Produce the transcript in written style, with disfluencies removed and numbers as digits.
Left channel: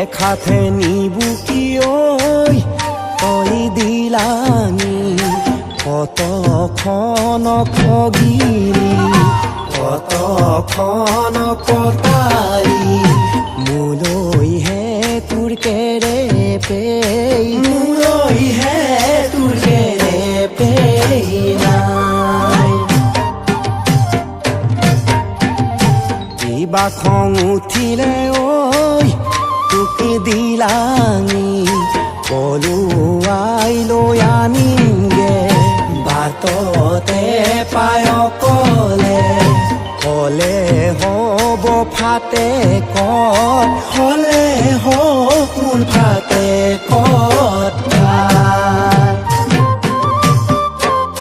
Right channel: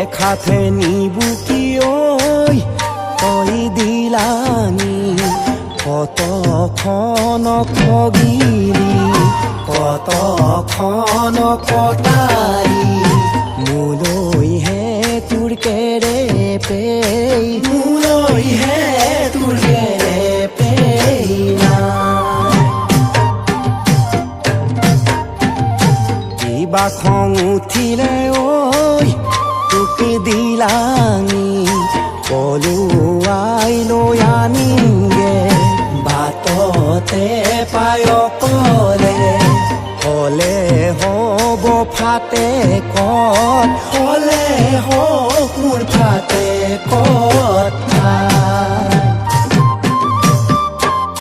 দেখাতে নিবুকি ঐ তই দিলানি কতখন খগিলি কতখন কটালি মোলৈহে তোৰ কেৰেপে মোলৈহে তোৰ কেৰেপে নাই কিবা খং উঠিলে ঐ তোকে দিলানি পলুৱাই লৈ আনিমগে বাটতে পায় অকলে হলে হ'ব ফাটে কত হলে হ'ব মোৰ ফাটে কত